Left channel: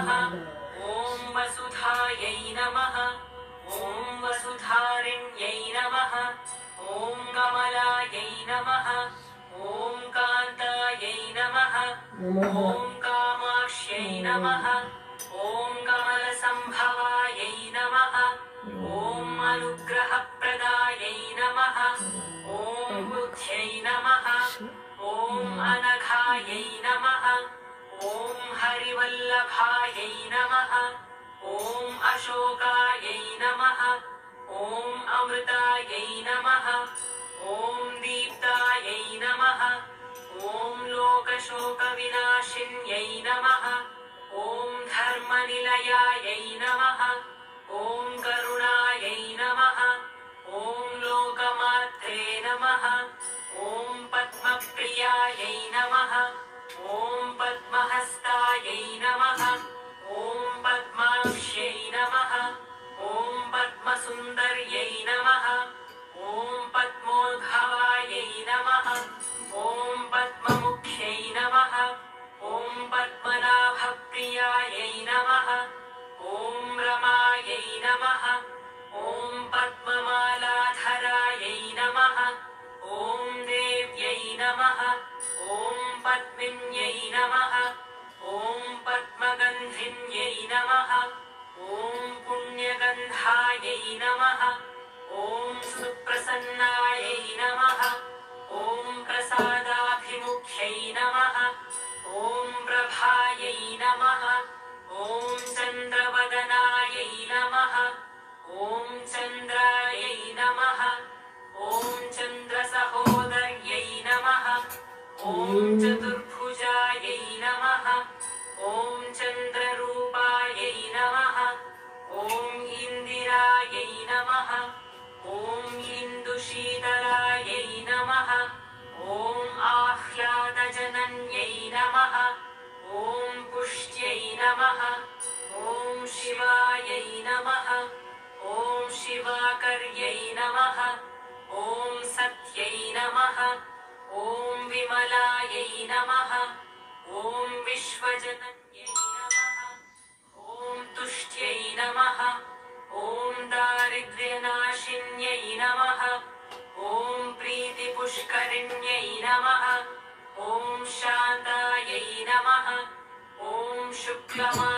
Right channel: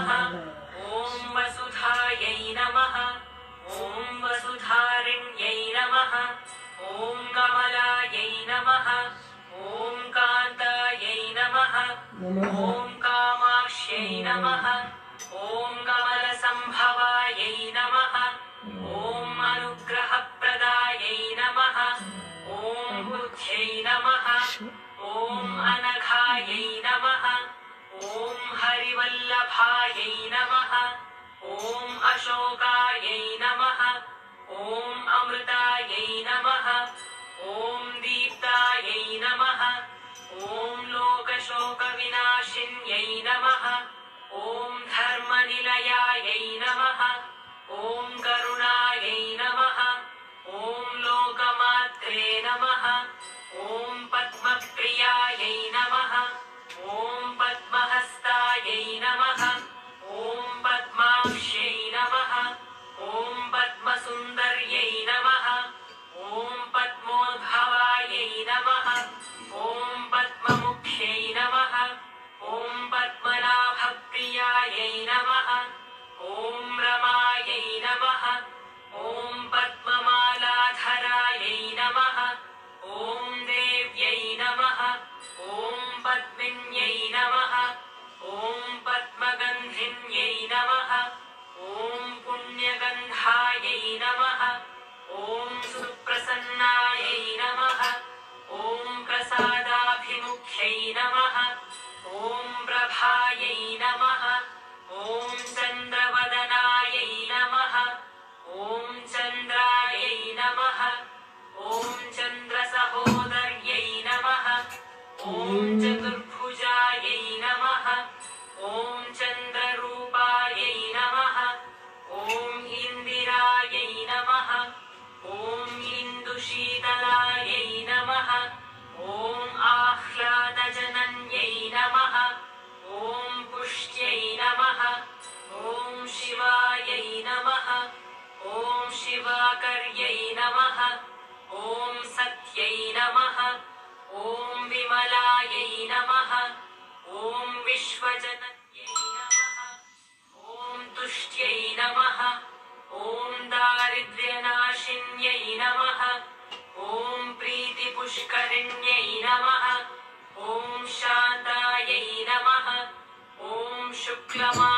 नमः। ॐ वसुधायै नमः। ॐ वसुधारिण्यै नमः। ॐ कमलायै नमः। ॐ कान्तायै नमः। ॐ कामाक्ष्यै नमः। ॐ कमलसम्भवायै नमः। ॐ अनुग्रहप्रदायै नमः। ॐ बुद्ध्यै नमः। ॐ अनघायै नमः। ॐ हरिवल्लभायै नमः। ॐ अशोकायै नमः। ॐ अमृतायै नमः। ॐ दीप्तायै नमः। ॐ लोकशोकविनाशिन्यै नमः। ॐ धर्मनिलयायै नमः। ॐ करुणायै नमः। ॐ लोकमात्रे नमः। ॐ पद्मप्रियायै नमः। ॐ पद्महस्तायै नमः। ॐ पद्माक्ष्यै नमः। ॐ पद्मसुन्दर्यै नमः। ॐ पद्मोद्भवायै नमः। ॐ पद्ममुख्यै नमः। ॐ पद्मनाभप्रियायै नमः। ॐ रमायै नमः। ॐ पद्ममालाधरायै नमः। ॐ देव्यै नमः। ॐ पद्मिन्यै नमः। ॐ पद्मगन्धिन्यै नमः। ॐ पुण्यगन्धायै नमः। ॐ सुप्रसन्नायै नमः। ॐ प्रसादाभिमुख्यै नमः। ॐ प्रभायै नमः। ॐ चन्द्रवदनायै नमः। ॐ चन्द्रायै नमः। ॐ चन्द्रसहोदर्यै नमः। ॐ चतुर्भुजायै नमः। ॐ चन्द्ररूपायै नमः। ॐ इन्दिरायै नमः। ॐ इन्दुशीतलायै नमः। ॐ आह्लादजनन्यै नमः। ॐ पुष्ट्यै नमः। ॐ शिवायै नमः। ॐ शिवाकर्यै नमः। ॐ सत्यै नमः। ॐ विमलायै नमः। ॐ विश्वजनन्यै नमः। ॐ तुष्ट्यै नमः। ॐ दारिद्र्यनाशिन्यै नमः। ॐ प्रीतिपुष्करिण्यै नमः। ॐ शान्तायै नमः। ॐ शुक्लमा